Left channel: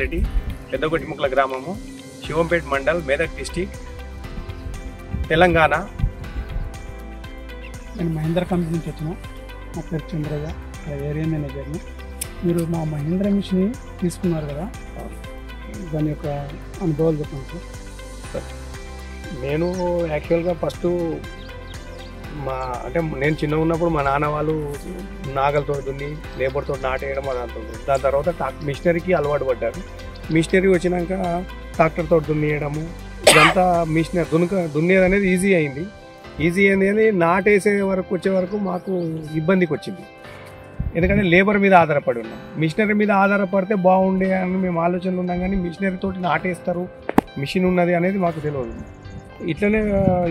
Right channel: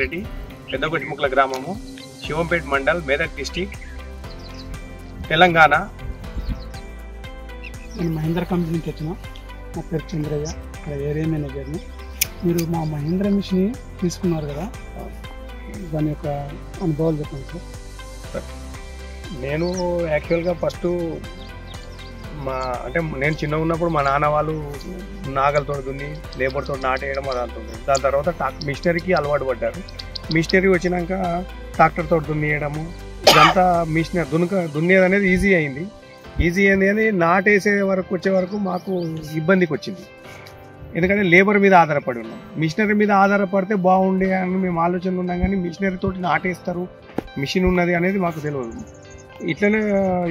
రెడ్డి, పెద్దగొట్టిముక్కల గ్రామము, శివంపేట మండల్, మెదక్ డిస్టిక్, తెలంగాణ. నేను మహేంద్ర కంపెనీ నుంచి వచ్చిన. నా పేరు చంద్రయ్య, ఇక్కడ ఏరియా మేనేజర్ని. మీరు మా మహేంద్ర మిషన్ తీసుకున్నారు కదా, దాని యొక్క అనుభవాలు చెప్పండి సార్. నేను యాక్చువల్గా ఫస్ట్ నేను చిన్నగా ఉన్నప్పుడు మా నాన్న వాళ్ళు నాగలతో దున్ని లేబర్తో నాటేయడం అది అంటుంది. దాని తర్వాత మిషనరీకి అలవాటు పడ్డారు. మిషనరీ వచ్చినాక ట్రాక్టర్తో దున్నియడము, ఇదంతా మిషనరీ దున్నేది అనేది ఈజీ అయింది. అని నాటేసే వరకు వచ్చే వరకు మాకు ఇబ్బందికి వచ్చింది. ఎందుకంటే లేబర్ మీద ఆధారపడి ఉన్నాం. మిషనరీ మీద ఆధారపడితే బాగుండే అని మేము ఆలోచనలు ఉన్నాం, కానీ మిషనరీ తోటి నాటేస్తారు, మిషన్ ఉన్నది అనేది మాకు తెలియదు. ఇట్లనే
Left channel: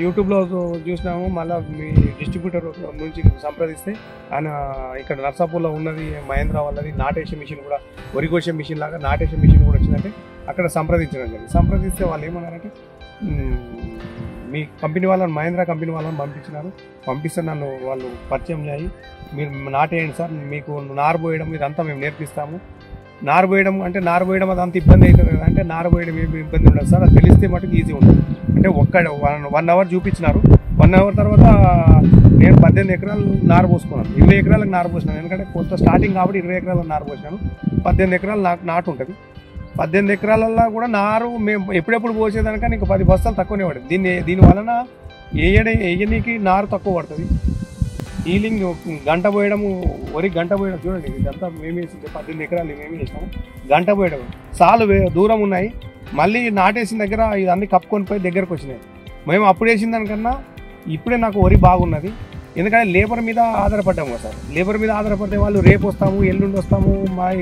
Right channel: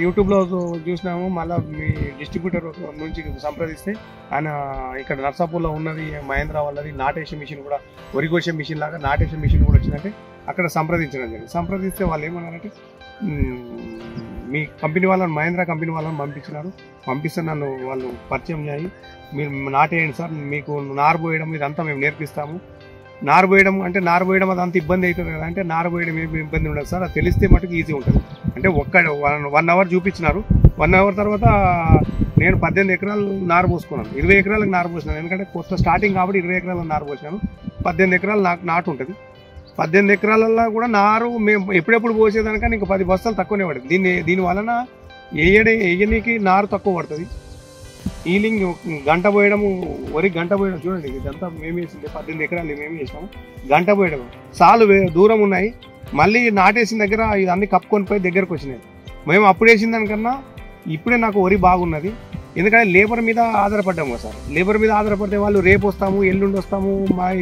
యూట్యూబ్లో చూసినాము. మళ్ళీ మీ డిస్ట్రిబ్యూటర్ నుంచి సంప్రదిస్తే ఆయన ఇక్కడ నర్సాపూర్లో ఉన్నది మహేంద్ర వాళ్ళది నాటేసే మిషన్ కూడా, వరికోసే మిషన్ లాగా నాటేసే మిషన్ కూడా వచ్చిందంటే అక్కడ సంప్రదించడం జరిగింది. సంప్రదిస్తే వాళ్ళు ఏమన్నారంటే మీ కంపెనీ వాళ్ళని, మహేంద్ర కంపెనీ వాళ్ళని పంపిస్తే నన్ను వాళ్ళు పరిచయం చేయి, మీరు నాటేయండి సార్, మీకు నారు పోయడం ఇదంతా మేము నేర్పిస్తాము. నారు పోయడం అదంతా ఇబ్బంది అవుతుంది కదా అంటే, నారు పోయడం ఏమి ఇబ్బంది ఉండదు సార్, అది తెలిస్తే మటుకు ఈజీ ఉంటుంది అంటే. 1 అవర్ చూపించినారు. 1 అవర్ తర్వాత నేను 18 ఎకరాలు నారు పోసుకున్నాను. 20 ఎకరాలకు నారు పోసినాను. ఎందుకంటే కొత్త స్టార్టింగ్ కాబట్టి 20 ఎకరాలకు నారు పోసినాను. 18 ఎకరాలు నాటు ఉంటుంది. 18 ఎకరాలలో కూడా నారు మేము ఎప్పుడెప్పుడు పోసేదానికని ఇంకా 10 బస్తాలు తక్కువనే పడుతుంది. దీని వలన వేయనీకి నారు తక్కువ పడుతుంది. హీలింగ్ గంట పోయడము, వరి గంట పోయడం చూడండి, ఇదంతా మేము వేసింది 18 ఎకరాలు మేము వేసినాము. గంట పోయడం సాలు దూరం ఉన్నాయి. మళ్ళీ నాటేసిన దగ్గర ఇవన్నీ కప్పుకొని పోయి దగ్గరకు వచ్చినాయి. మేము అప్పుడు వేసిన దానికన్నా ఇప్పుడే నాకు వరి బాగున్నది. ఎందుకంటే లేబర్ మీద ఆధారపడ్డాము కదా సార్. లేబర్ మీద ఆధారపడితే వాళ్ళు రేపు వస్తాము, ఎల్లుండి వస్తాము,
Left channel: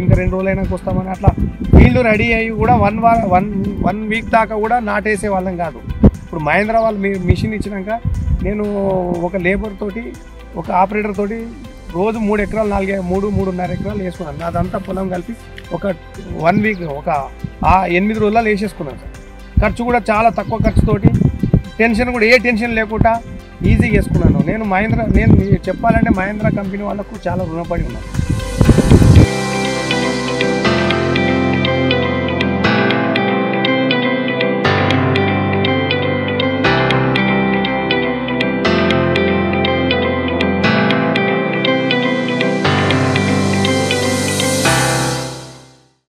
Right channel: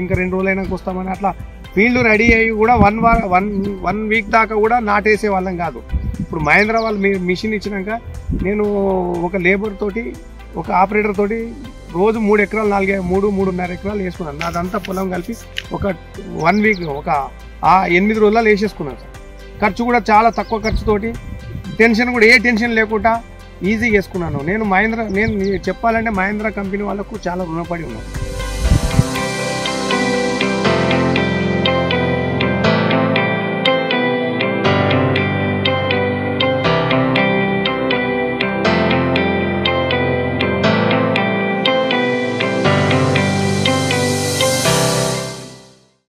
ఇంకా 2 రోజులైనాక వస్తామని అట్లా ఫీల్డ్ రెడీ అయ్యి కూడా 1 వీక్ దాకా కూడా నాటేసే వాళ్ళం కాదు. ఇప్పుడు మహేంద్ర వాళ్ళు మిషన్ ఇచ్చినాక నేను ఒక లేబర్ తోటి, ఒక ఆపరేటర్ తోటి రోజు 3 ఎకరాలు 3.5 ఎకరాలు వేసుకున్నాను. అదంతా పొలం కలిపి ఒక 1 వీక్, ఒక 8 రోజుల్లో వేసేసుకున్నాను సార్. ఖర్చు కూడా చాలా తక్కువ ఖర్చుతోటి, టెన్షన్ కూడా ఏ టెన్షన్ లేకుండా ఈజీగా వేసుకున్నాను. నేను చెప్పాలంటే మహేంద్ర కంపెనీ వాళ్ళకు చాలా రుణపడి ఉన్నాను.